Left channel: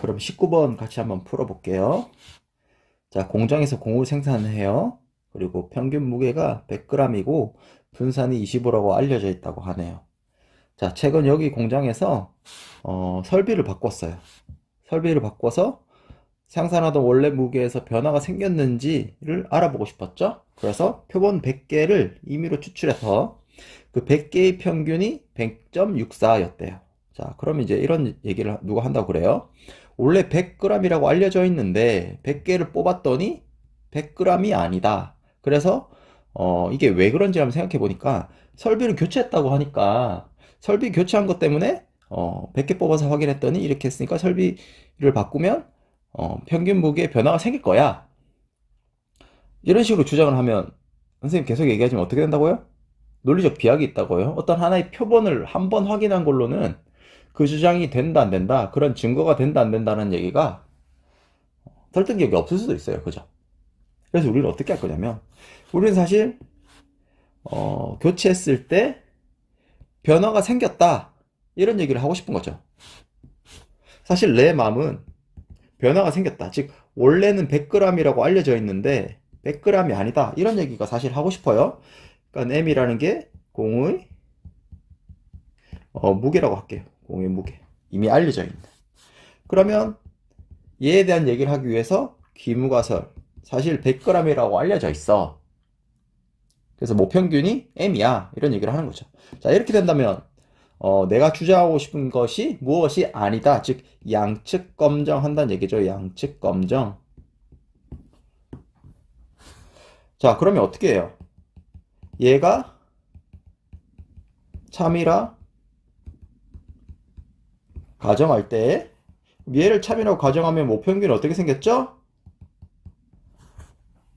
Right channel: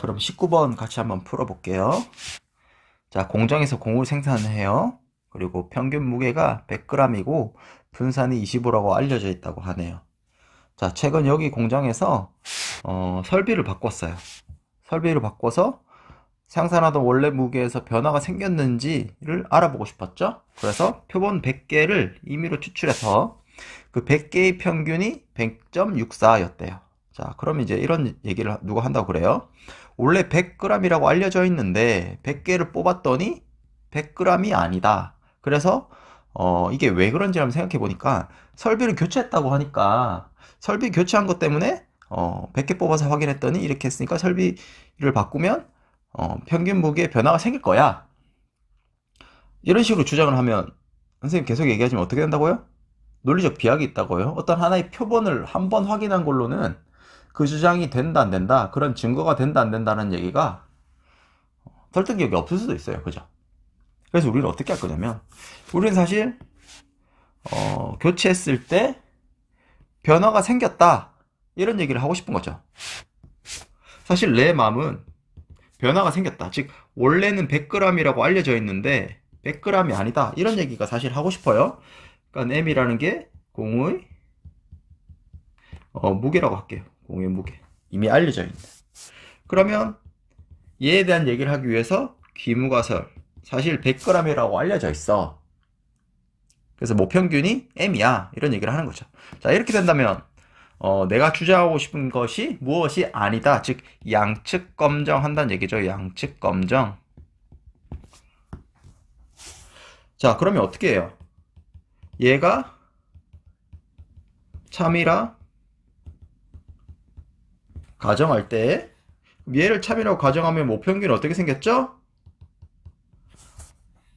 그럼 19번 같이 한번 풀어볼게요. 자, 공장에서 공을 생산해요. 그리고 평균 무게가 100g이고 분산이 25라고 알려져 있다고 하네요. 자, 최근 여기 공장에서 설비를 바꿨어요. 설비를 바꿔서 생산하던 원래 무게에서 변화가 생겼는지를 알아보고 싶었죠. 그래서 표본 100개를 임의로 추출해서 그 100개의 평균이 100.64였대요. 자, 그럼 이제 이런 얘기를 누가 한다고 그래요? 원래 100g이라고 알려져 있는데 100개를 뽑았더니 100g이 아니다. 그래서 이게 왜 그런지 한번 생각해 보니까 설비를 교체했다고 하니까 설비 교체한 것 때문에 100개 뽑아서 확인했더니 이렇게 했으니까 설비를 바꾸면 평균 무게에 변화가 생길 거야. 이런 식으로 주장을 하면 선생님 계속 얘기하지만 어떻게 된다고요? 논리적 비약이 있다고요. 어떤 하나의 표본을 한 번 확인한 걸로는 그 주장이 된다 안 된다, 그런 증거가 된다 안 된다는 얘기가 설득력이 없을 수도 있어요. 그죠? 그래서 우리는 어떻게 할 거냐면, 우리는 사실 교체했을 때 변화가 생겼다, 이런 얘기를 하고 싶은 거죠. 사실 내 마음은 변화가 생겼다, 즉 원래는 100g이라고 알려져 있는데 100g이 아니다, 이런 얘기가 사실 하고 싶어요. 그러니까 m이라는 게 공의 무게라고 할게요. 공의 무게, 이미 알려져 있는. 그러면 얘에 대한 얘기를 하기 위해서 귀무가설, 사실 100g이라고 알려져 있어. 그래서 모평균이 m이야, 이런 얘기를 하는 거죠. 자, 이렇게 된다면 내가 주장하고 싶은 것이 무엇이 아니다, 즉 양측 검정한다는 얘기죠. 양측 검정. 자, 그러면 어떻게 해요? 얘가 참이라 가정할 때, 얘를 참이라고 가정하면 모평균은 어떻게 생겼죠?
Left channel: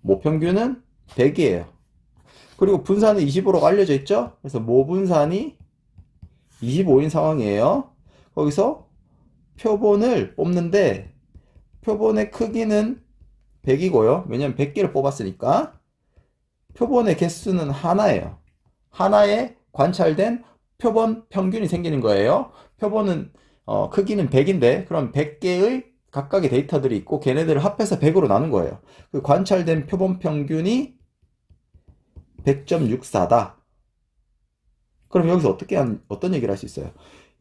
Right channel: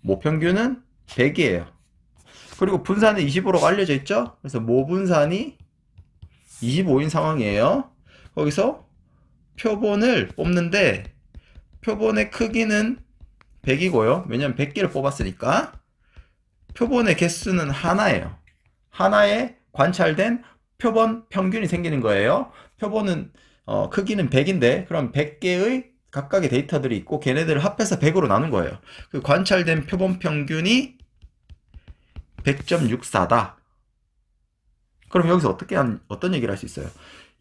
모평균은 100이에요. 그리고 분산은 25라고 알려져 있죠? 그래서 모분산이 25인 상황이에요. 거기서 표본을 뽑는데 표본의 크기는 100이고요. 왜냐면 100개를 뽑았으니까. 표본의 개수는 하나예요. 하나에 관찰된 표본 평균이 생기는 거예요. 표본은 크기는 100인데 그럼 100개의 각각의 데이터들이 있고 걔네들을 합해서 100으로 나눈 거예요. 그 관찰된 표본 평균이 100.64다. 그럼 여기서 어떤 얘기를 할 수 있어요?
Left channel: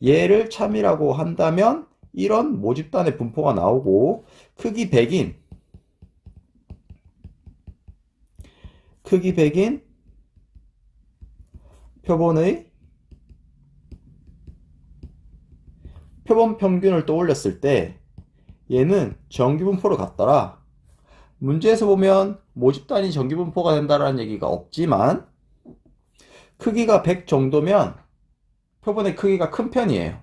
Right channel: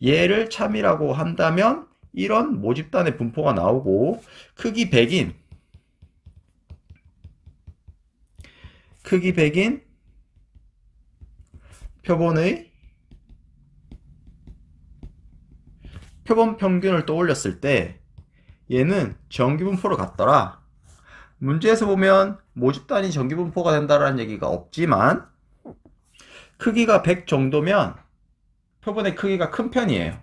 얘를 참이라고 한다면 이런 모집단의 분포가 나오고, 크기 100인 표본의 표본 평균을 떠올렸을 때 얘는 정규분포로 같더라. 문제에서 보면 모집단이 정규분포가 된다는 얘기가 없지만 크기가 100 정도면 표본의 크기가 큰 편이에요.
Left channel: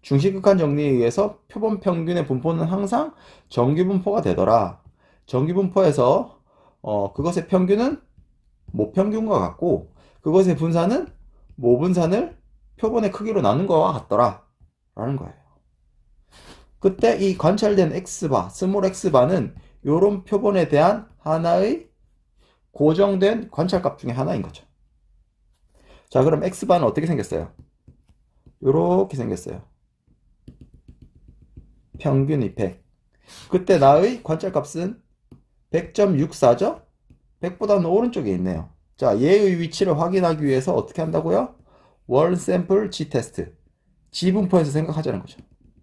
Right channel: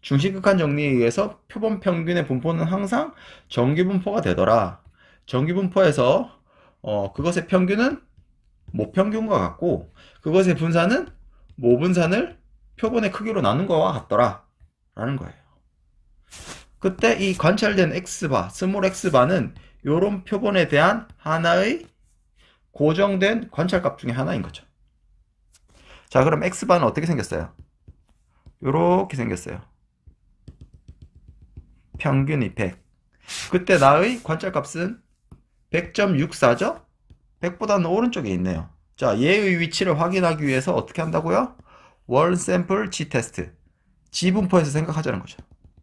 중심극한 정리에 의해서 표본 평균의 분포는 항상 정규분포가 되더라. 정규분포에서 그것의 평균은 모평균과 같고 그것의 분산은 모분산을 표본의 크기로 나눈 것과 같더라 라는 거예요. 그때 이 관찰된 X바, 스몰 X바는 이런 표본에 대한 하나의 고정된 관찰값 중에 하나인 거죠. 자, 그럼 X바는 어떻게 생겼어요? 이렇게 생겼어요. 평균이 100. 그때 나의 관찰값은 100.64죠? 100보다는 오른쪽에 있네요. 자, 얘의 위치를 확인하기 위해서 어떻게 한다고요? 원 샘플 G 테스트. G 분포에서 생각하자는 거죠.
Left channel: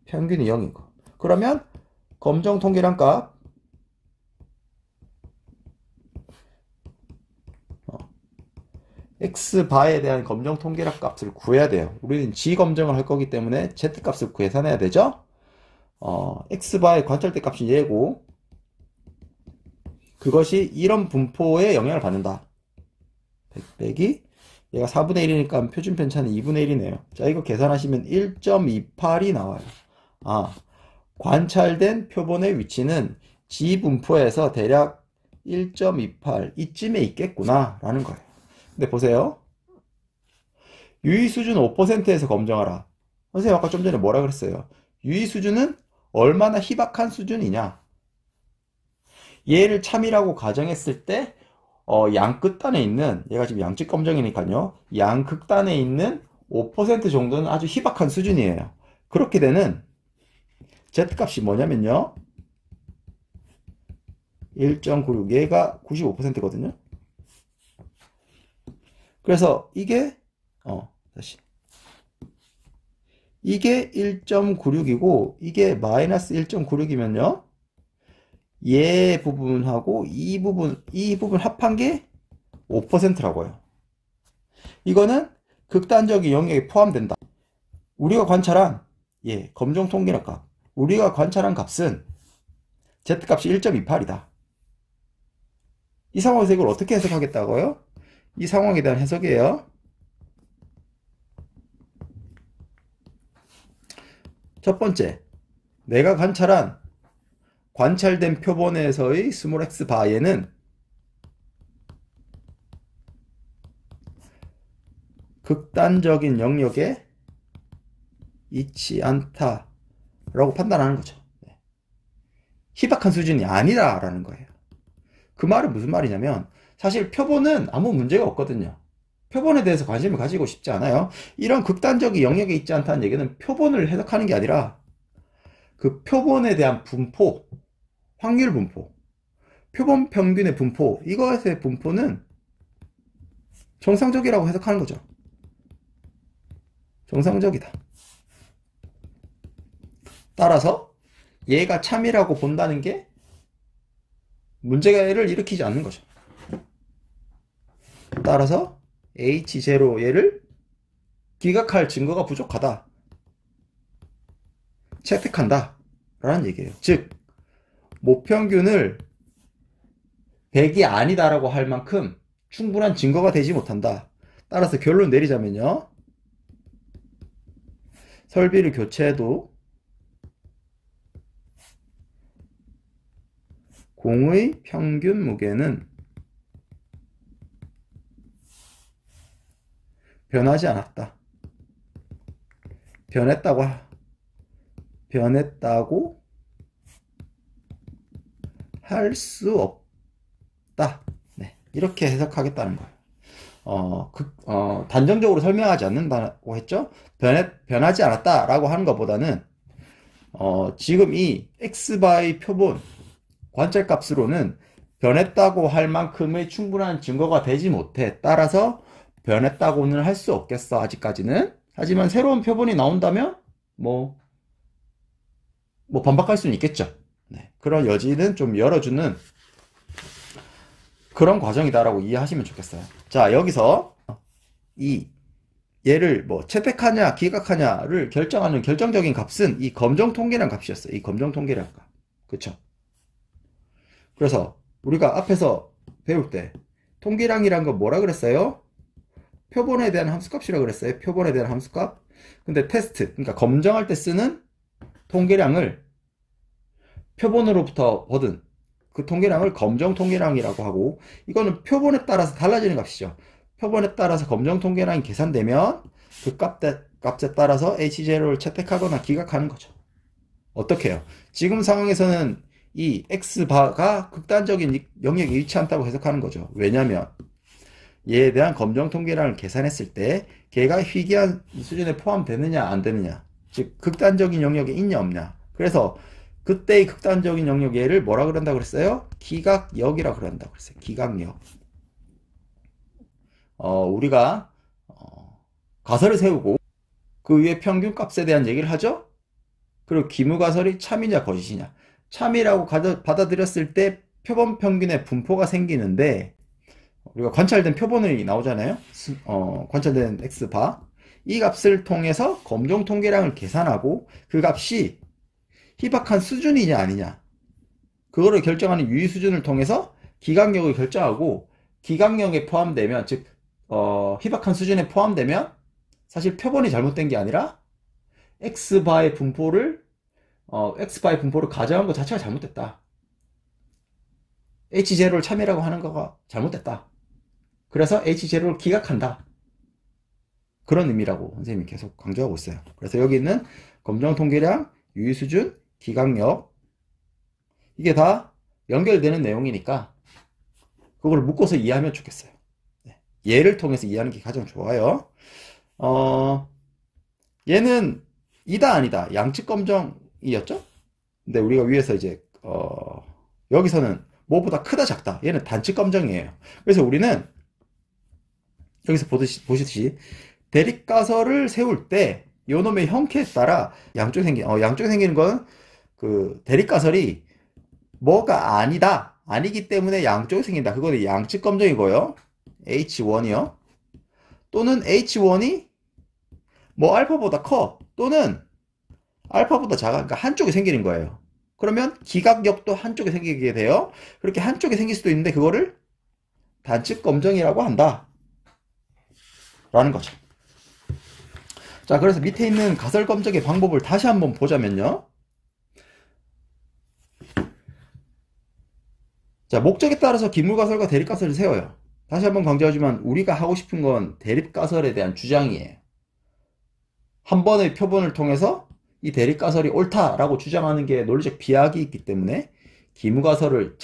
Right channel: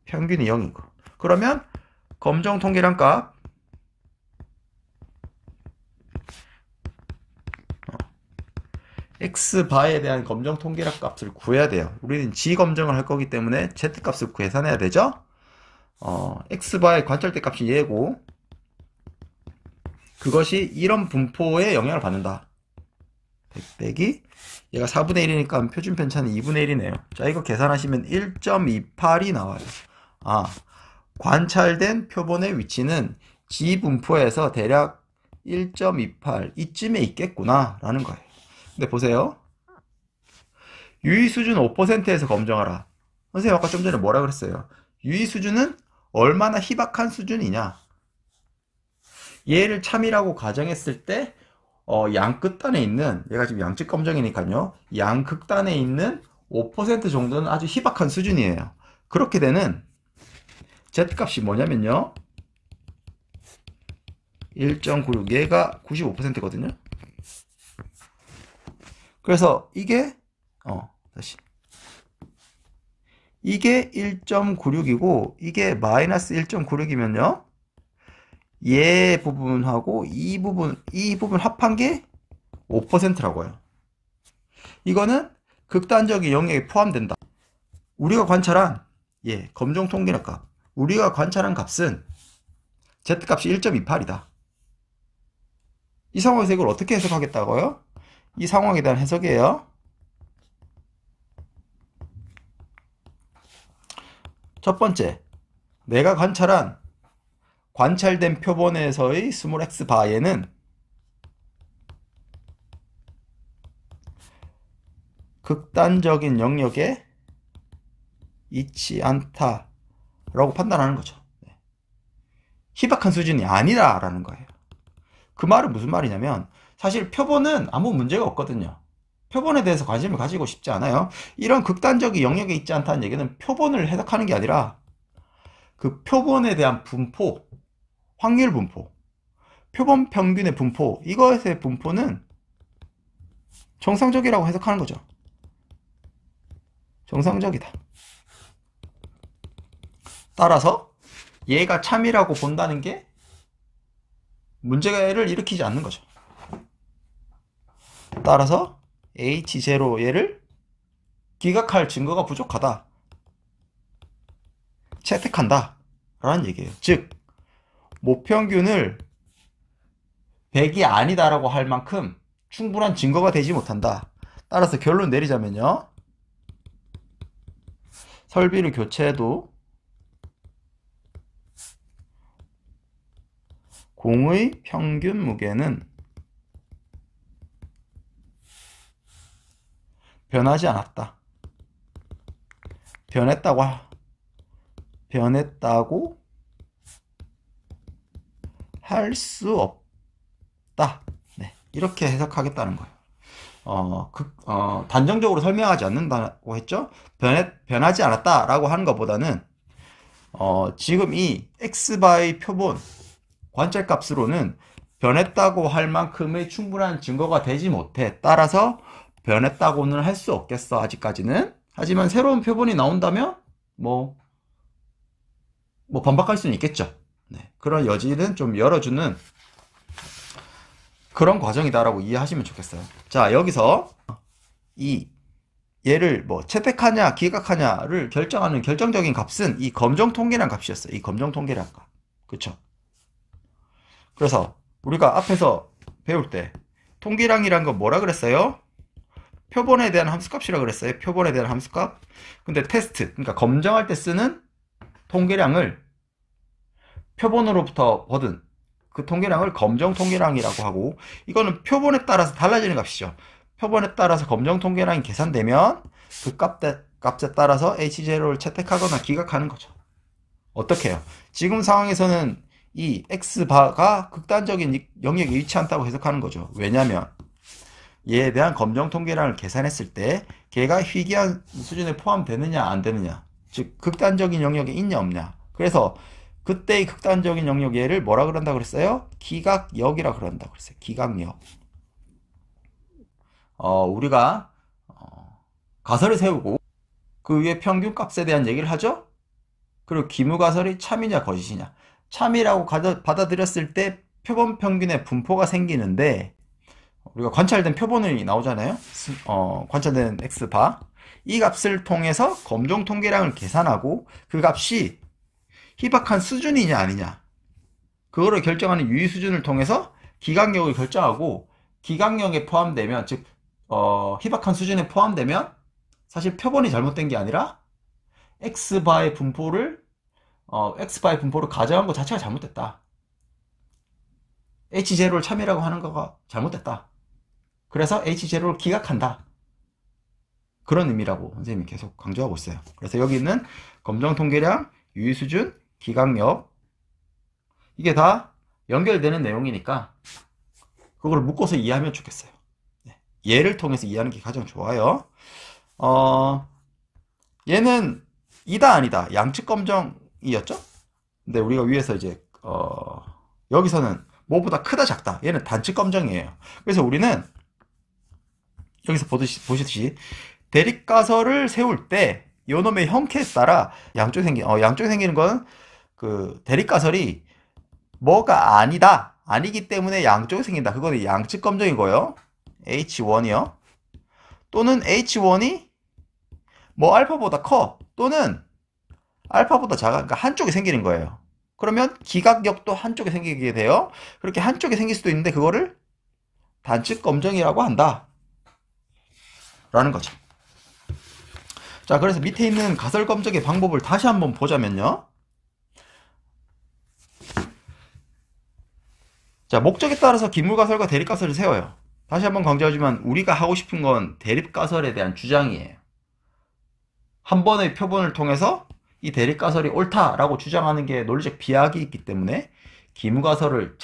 평균이 0인 거. 그러면 검정 통계량 값 X바에 대한 검정 통계량 값을 구해야 돼요. 우리는 G 검정을 할 거기 때문에 Z 값을 계산해야 되죠. X바의 관찰대 값이 얘고 그것이 이런 분포에 영향을 받는다. 100 빼기 얘가 4분의 1이니까 표준 편차는 2분의 1이네요. 자, 이거 계산하시면 1.28이 나와요. 관찰된 표본의 위치는 G 분포에서 대략 1.28 이쯤에 있겠구나 라는 거예요. 근데 보세요. 유의 수준 5%에서 검정하라. 선생님 아까 좀 전에 뭐라 그랬어요? 유의 수준은 얼마나 희박한 수준이냐. 얘를 참이라고 가정했을 때 양끝단에 있는, 얘가 지금 양측 검정이니까요, 양극단에 있는 5% 정도는 아주 희박한 수준이에요. 그렇게 되는 Z값이 뭐냐면요, 1.96, 얘가 95%거든요. 그래서 이게 다시 이게 1.96이고 이게 마이너스 1.96이면요, 얘 부분하고 이 부분 합한 게 5%라고 해요. 이거는 극단적인 영역에 포함된다. 우리가 관찰한 검정 통계력 값, 우리가 관찰한 값은 Z값이 1.28이다. 이 상황에서 이걸 어떻게 해석하겠다고요? 이 상황에 대한 해석이에요. 첫 번째, 내가 관찰된 표본에서의 스몰 x 바에는 극단적인 영역에 있지 않다라고 판단하는 거죠. 희박한 수준이 아니다라는 거예요. 그 말은 무슨 말이냐면, 사실 표본은 아무 문제가 없거든요. 표본에 대해서 관심을 가지고 싶지 않아요. 이런 극단적인 영역에 있지 않다는 얘기는 표본을 해석하는 게 아니라 그 표본에 대한 분포, 확률 분포, 표본 평균의 분포, 이것의 분포는 정상적이라고 해석하는 거죠. 정상적이다. 따라서 얘가 참이라고 본다는 게 문제를 일으키지 않는 거죠. 따라서 H0 얘를 기각할 증거가 부족하다, 채택한다 라는 얘기예요. 즉 모평균을 100이 아니다라고 할 만큼 충분한 증거가 되지 못한다. 따라서 결론 내리자면요, 설비를 교체해도 공의 평균 무게는 변하지 않았다. 변했다고 할 수 없다. 네, 이렇게 해석하겠다는 거예요. 단정적으로 설명하지 않는다고 했죠. 변하지 않았다라고 하는 것보다는 지금 이 x바의 표본 관찰값으로는 변했다고 할 만큼의 충분한 증거가 되지 못해. 따라서 변했다고는 할 수 없겠어, 아직까지는. 하지만 새로운 표본이 나온다면 뭐 반박할 수는 있겠죠. 네, 그런 여지는 좀 열어주는 그런 과정이다라고 이해하시면 좋겠어요. 자, 여기서 얘를 채택하냐 기각하냐를 결정하는 결정적인 값은 이 검정 통계량 값이었어요. 이 검정 통계량 값. 그쵸? 그래서 우리가 앞에서 배울 때 통계량이란 건 뭐라 그랬어요? 표본에 대한 함수값이라고 그랬어요. 표본에 대한 함수값. 근데 테스트, 그러니까 검정할 때 쓰는 통계량을 표본으로부터 얻은 그 통계량을 검정 통계량이라고 하고, 이거는 표본에 따라서 달라지는 값이죠. 표본에 따라서 검정 통계량이 계산되면 그 값에 따라서 H0를 채택하거나 기각하는 거죠. 어떻게 해요? 지금 상황에서는 이 X바가 극단적인 영역에 있지 않다고 해석하는 거죠. 왜냐면 얘에 대한 검정 통계량을 계산했을 때 걔가 희귀한 수준에 포함되느냐 안 되느냐, 즉 극단적인 영역에 있냐 없냐. 그래서 그때의 극단적인 영역 얘를 뭐라 그런다고 그랬어요? 기각역이라 그런다고 그랬어요. 기각역. 우리가 가설을 세우고 그 위에 평균값에 대한 얘기를 하죠. 그리고 기무가설이 참이냐 거짓이냐. 참이라고 받아들였을 때 표본 평균의 분포가 생기는데, 우리가 관찰된 표본이 나오잖아요. 관찰된 X바, 이 값을 통해서 검정 통계량을 계산하고 그 값이 희박한 수준이냐 아니냐, 그거를 결정하는 유의 수준을 통해서 기각력을 결정하고, 기각력에 포함되면, 즉 희박한 수준에 포함되면 사실 표본이 잘못된 게 아니라 X바의 분포를 가정한 것 자체가 잘못됐다. H0를 참이라고 하는 거가 잘못됐다. 그래서 H0를 기각한다. 그런 의미라고 선생님이 계속 강조하고 있어요. 그래서 여기 있는 검정 통계량, 유의수준, 기각력, 이게 다 연결되는 내용이니까 그걸 묶어서 이해하면 좋겠어요. 얘를 통해서 이해하는 게 가장 좋아요. 얘는 이다 아니다 양측 검정이었죠? 근데 우리가 위에서 이제 여기서는 뭐보다 크다 작다, 얘는 단축 검정이에요. 그래서 우리는 여기서 보시듯이 대립가설을 세울 때 요놈의 형태에 따라 양쪽에 생기는 건 그 대립가설이 뭐가 아니기 때문에 양쪽에 생긴다. 그거는 양측 검정이고요. H1이요. 또는 H1이 뭐 알파보다 커, 또는 알파보다 작아. 그러니까 한쪽에 생기는 거예요. 그러면 기각역도 한쪽에 생기게 돼요. 그렇게 한쪽에 생길 수도 있는데 그거를 단측 검정이라고 한다 라는 거죠. 자, 그래서 밑에 있는 가설 검정의 방법을 다시 한번 보자면요. 자, 목적에 따라서 기물가설과 대립가설을 세워요. 다시 한번 강조하지만 우리가 하고 싶은 건 대립가설에 대한 주장이에요. 한 번의 표본을 통해서 이 대립가설이 옳다라고 주장하는 게 논리적 비약이 있기 때문에 기무가설을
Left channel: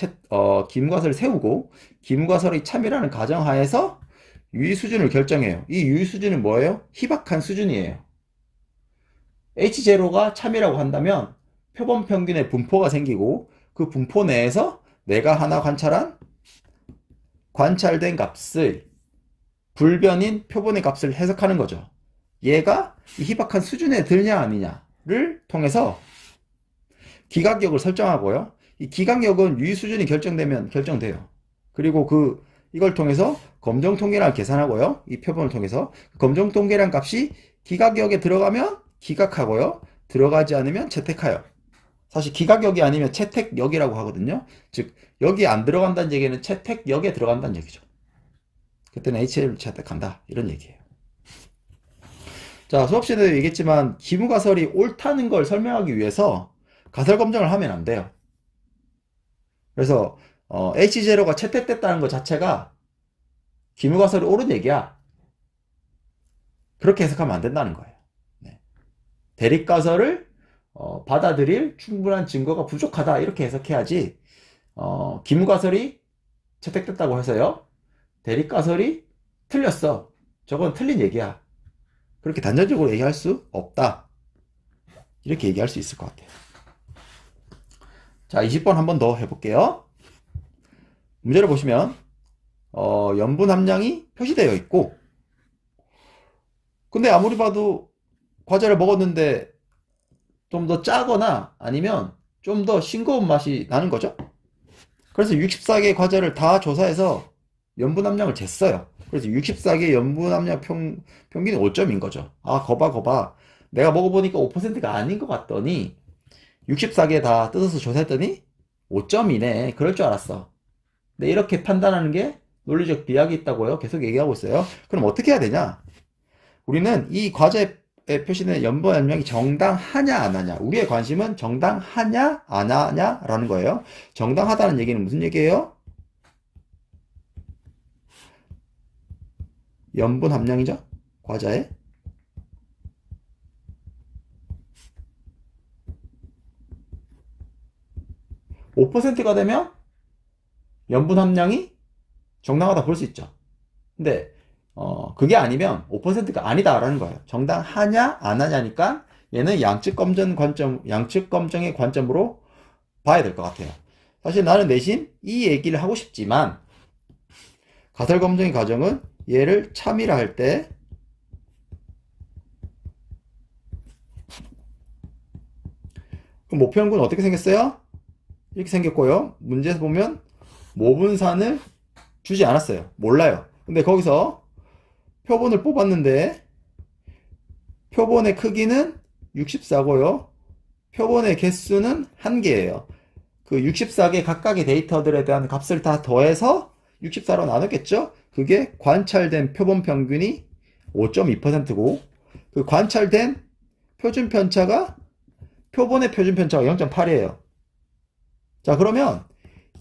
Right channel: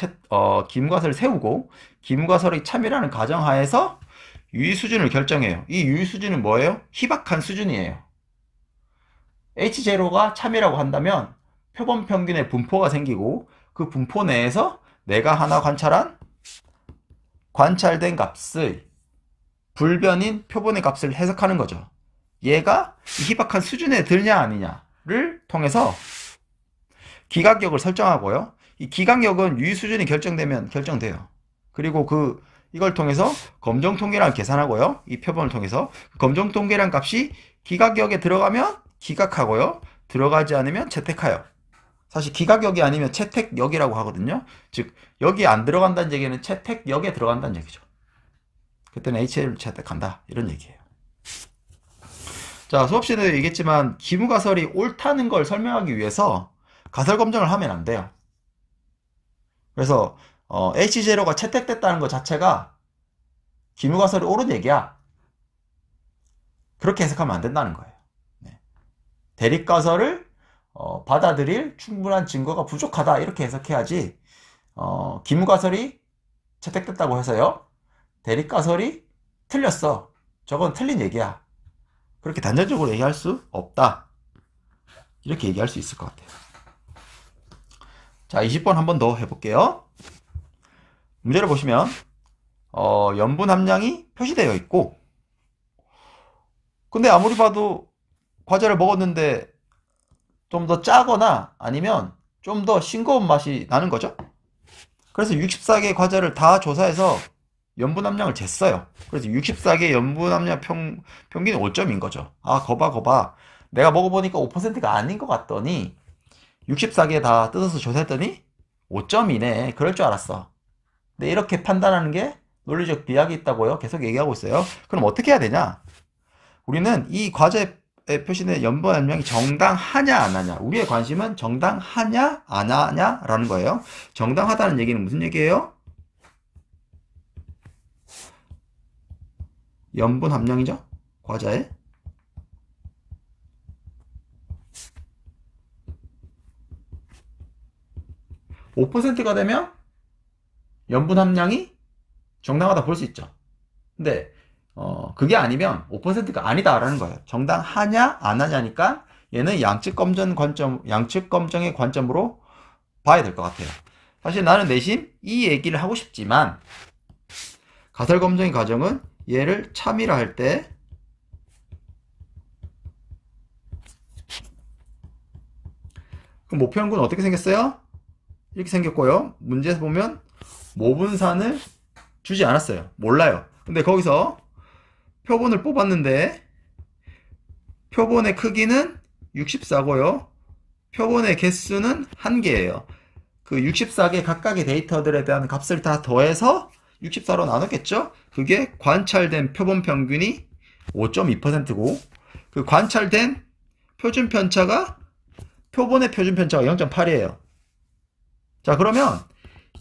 세우고 기무가설의 참여라는 가정하에서 유의수준을 결정해요. 이 유의수준은 뭐예요? 희박한 수준이에요. H0가 참이라고 한다면 표본 평균의 분포가 생기고 그 분포 내에서 내가 하나 관찰된 값의 불변인 표본의 값을 해석하는 거죠. 얘가 이 희박한 수준에 들냐 아니냐를 통해서 기각역을 설정하고요. 이 기각역은 유의 수준이 결정되면 결정돼요. 그리고 이걸 통해서 검정통계량을 계산하고요. 이 표본을 통해서 검정통계량 값이 기각역에 들어가면 기각하고요. 들어가지 않으면 채택하여. 사실 기각역이 아니면 채택역이라고 하거든요. 즉 여기 안 들어간다는 얘기는 채택역에 들어간다는 얘기죠. 그때는 HL을 채택한다 이런 얘기예요. 자, 수업 시간에도 얘기했지만 기무가설이 옳다는 걸 설명하기 위해서 가설 검정을 하면 안 돼요. 그래서 H0가 채택됐다는 것 자체가 기무가설이 옳은 얘기야. 그렇게 해석하면 안 된다는 거예요. 네. 대립가설을 받아들일 충분한 증거가 부족하다 이렇게 해석해야지 기무가설이 채택됐다고 해서요 대립가설이 틀렸어, 저건 틀린 얘기야, 그렇게 단정적으로 얘기할 수 없다 이렇게 얘기할 수 있을 것 같아요. 자, 20번 한 번 더 해볼게요. 문제를 보시면 염분 함량이 표시되어 있고 근데 아무리 봐도 과자를 먹었는데 좀 더 짜거나 아니면 좀 더 싱거운 맛이 나는 거죠. 그래서 64개 과자를 다 조사해서 염분 함량을 쟀어요. 그래서 64개 염분 함량 평균이 5점인 거죠. 아, 거봐. 내가 먹어보니까 5%가 아닌 것 같더니 64개 다 뜯어서 조사했더니 5점이네. 그럴 줄 알았어. 근데 이렇게 판단하는 게 논리적 비약이 있다고요. 계속 얘기하고 있어요. 그럼 어떻게 해야 되냐? 우리는 이 과제에 표시된 염분 함량이 정당하냐 안 하냐. 우리의 관심은 정당하냐 안 하냐 라는 거예요. 정당하다는 얘기는 무슨 얘기예요? 염분 함량이죠. 과자에. (5%가) 되면 염분 함량이 정당하다 볼 수 있죠. 근데 그게 아니면 5%가 아니다 라는 거예요. 정당하냐 안 하냐니까 얘는 양측 검정의 관점으로 봐야 될 것 같아요. 사실 나는 내심 이 얘기를 하고 싶지만 가설 검정의 과정은 얘를 참이라 할 때 그럼 모평균은 어떻게 생겼어요? 이렇게 생겼고요. 문제에서 보면 모분산을 주지 않았어요. 몰라요. 근데 거기서 표본을 뽑았는데 표본의 크기는 64고요. 표본의 개수는 1개예요. 그 64개 각각의 데이터들에 대한 값을 다 더해서 64로 나눴겠죠? 그게 관찰된 표본 평균이 5.2%고 그 관찰된 표준 편차가 표본의 표준 편차가 0.8이에요. 자, 그러면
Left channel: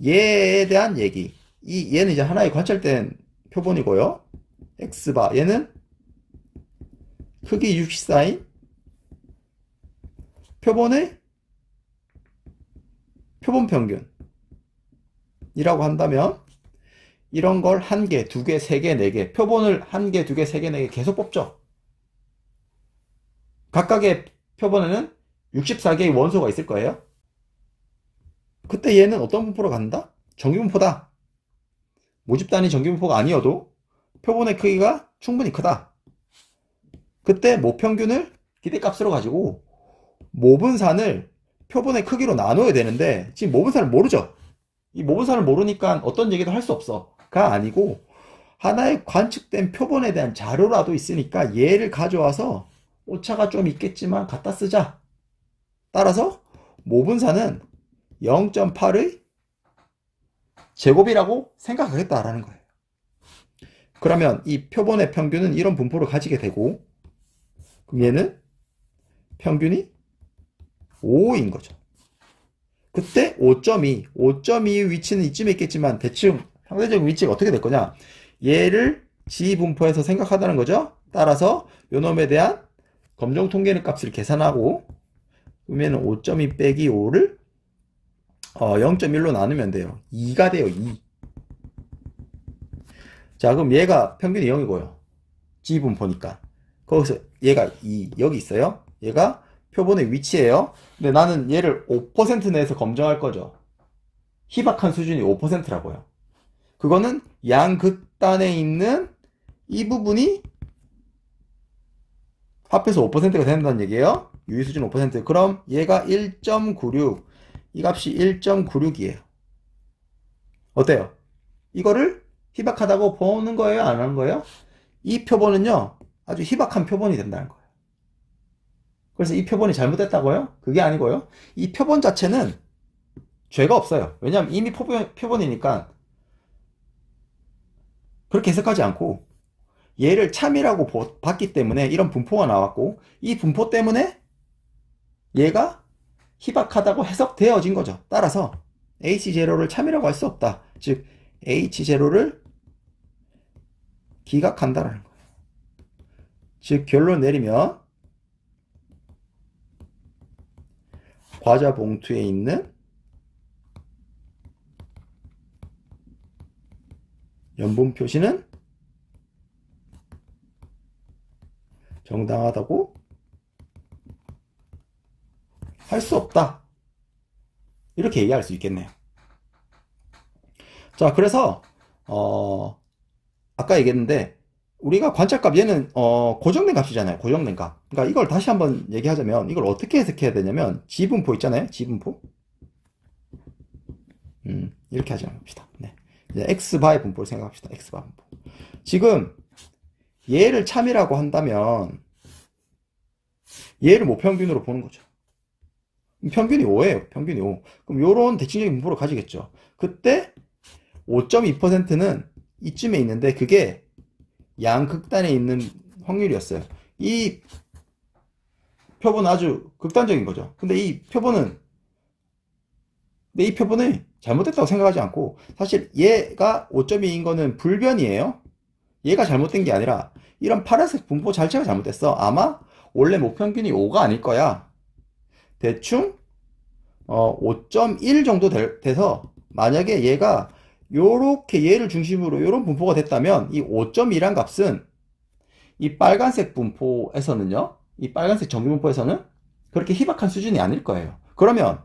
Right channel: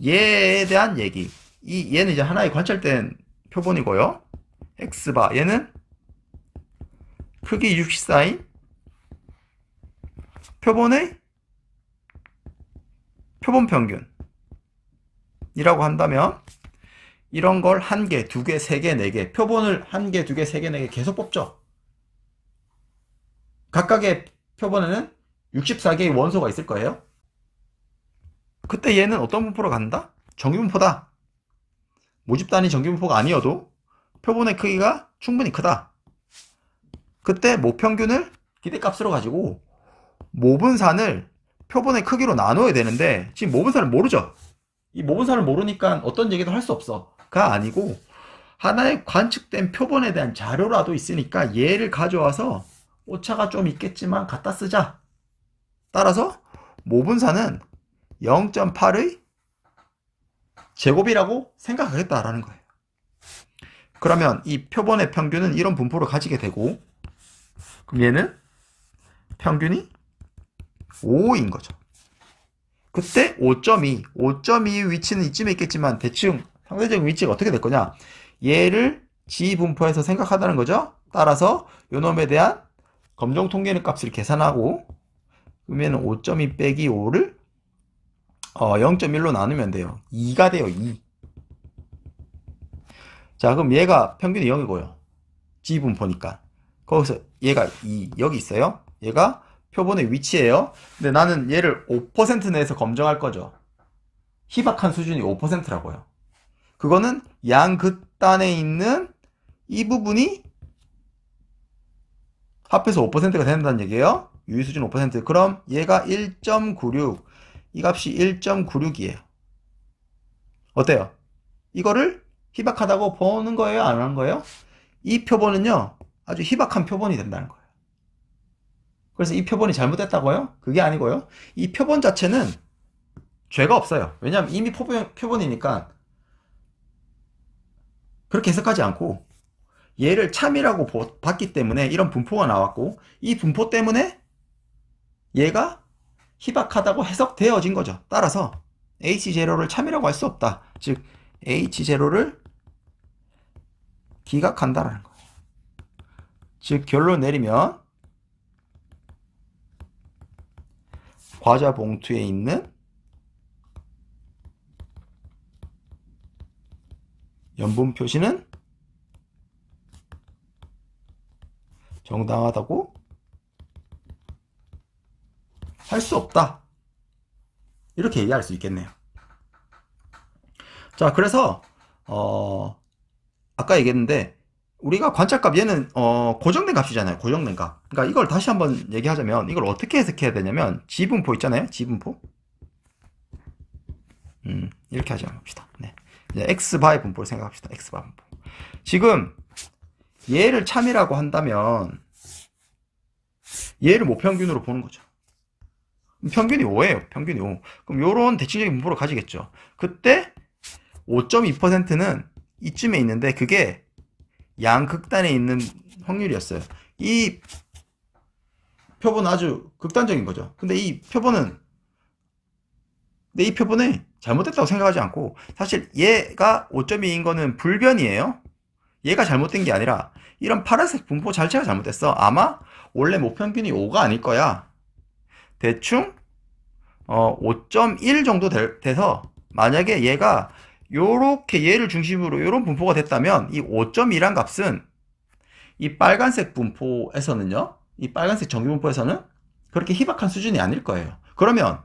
얘에 대한 얘기. 얘는 이제 하나의 관찰된 표본이고요. X바, 얘는 크기 64인 표본의 표본 평균이라고 한다면 이런 걸 1개, 2개, 3개, 4개 표본을 1개, 2개, 3개, 4개 계속 뽑죠. 각각의 표본에는 64개의 원소가 있을 거예요. 그때 얘는 어떤 분포로 간다? 정규분포다. 모집 단위 정규분포가 아니어도 표본의 크기가 충분히 크다. 그때 모평균을 기대값으로 가지고 모분산을 표본의 크기로 나눠야 되는데 지금 모분산을 모르죠. 이 모분산을 모르니까 어떤 얘기도 할 수 없어. 가 아니고 하나의 관측된 표본에 대한 자료라도 있으니까 얘를 가져와서 오차가 좀 있겠지만 갖다 쓰자. 따라서 모분산은 0.8의 제곱이라고 생각하겠다라는 거예요. 그러면 이 표본의 평균은 이런 분포를 가지게 되고 그럼 얘는 평균이 5인 거죠. 그때 5.2 위치는 이쯤에 있겠지만 대충 상대적인 위치가 어떻게 될 거냐? 얘를 지분포에서 생각하다는 거죠. 따라서 요놈에 대한 검정 통계는 값을 계산하고 그러면 5.2 빼기 5를 0.1로 나누면 돼요. 2가 돼요. 2. 자, 그럼 얘가 평균이 0이고요. 지분포니까. 거기서 얘가 2 여기 있어요. 얘가 표본의 위치예요. 근데 나는 얘를 5% 내에서 검정할 거죠. 희박한 수준이 5%라고요. 그거는 양극단에 있는 이 부분이 합해서 5%가 된다는 얘기예요. 유의수준 5%. 그럼 얘가 1.96. 이 값이 1.96이에요. 어때요? 이거를 희박하다고 보는 거예요? 안 하는 거예요? 이 표본은요. 아주 희박한 표본이 된다는 거예요. 그래서 이 표본이 잘못됐다고요? 그게 아니고요. 이 표본 자체는 죄가 없어요. 왜냐하면 이미 표본이니까 그렇게 해석하지 않고 얘를 참이라고 봤기 때문에 이런 분포가 나왔고 이 분포 때문에 얘가 희박하다고 해석되어진 거죠. 따라서 H0를 참이라고 할 수 없다. 즉 H0를 기각한다는 거예요. 즉 결론 내리면 과자 봉투에 있는 염분 표시는 정당하다고 할 수 없다. 이렇게 얘기할 수 있겠네요. 자, 그래서 아까 얘기했는데 우리가 관찰값 얘는 고정된 값이잖아요. 고정된 값. 그러니까 이걸 다시 한번 얘기하자면 이걸 어떻게 해석해야 되냐면 지분포 있잖아요. 지분포. 이렇게 하자 봅시다. 네. 이제 x바의 분포를 생각합시다. x바 분포. 지금 얘를 참이라고 한다면 얘를 모평균으로 보는 거죠. 평균이 5예요. 평균이 5. 그럼 요런 대칭적인 분포를 가지겠죠. 그때 5.2%는 이쯤에 있는데 그게 양극단에 있는 확률이었어요. 이 표본은 아주 극단적인 거죠. 근데 이 표본이 잘못됐다고 생각하지 않고 사실 얘가 5.2인 거는 불변이에요. 얘가 잘못된 게 아니라 이런 파란색 분포 자체가 잘못됐어. 아마 원래 모평균이 5가 아닐 거야. 대충 5.1 정도 돼서 만약에 얘가 요렇게 얘를 중심으로 요런 분포가 됐다면 이 5.2란 값은 이 빨간색 분포에서는요. 이 빨간색 정규분포에서는 그렇게 희박한 수준이 아닐 거예요. 그러면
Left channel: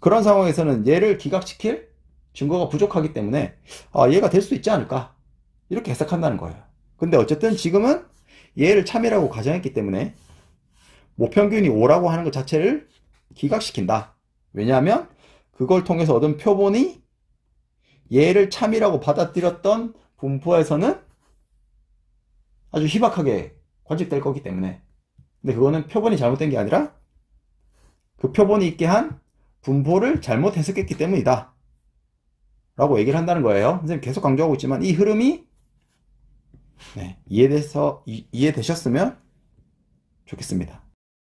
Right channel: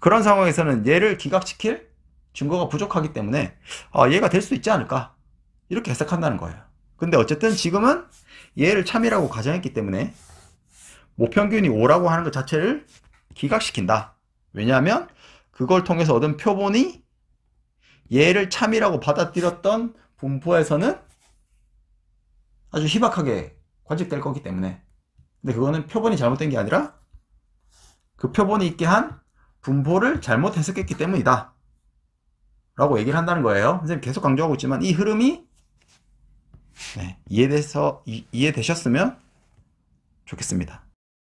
그런 상황에서는 얘를 기각시킬 증거가 부족하기 때문에 얘가 될 수 있지 않을까 이렇게 해석한다는 거예요. 근데 어쨌든 지금은 얘를 참이라고 가정했기 때문에 모평균이 5라고 하는 것 자체를 기각시킨다. 왜냐하면 그걸 통해서 얻은 표본이 얘를 참이라고 받아들였던 분포에서는 아주 희박하게 관측될 거기 때문에. 근데 그거는 표본이 잘못된 게 아니라 그 표본이 있게 한 분포를 잘못 해석했기 때문이다 라고 얘기를 한다는 거예요. 선생님 계속 강조하고 있지만 이 흐름이 이해되셨으면 좋겠습니다.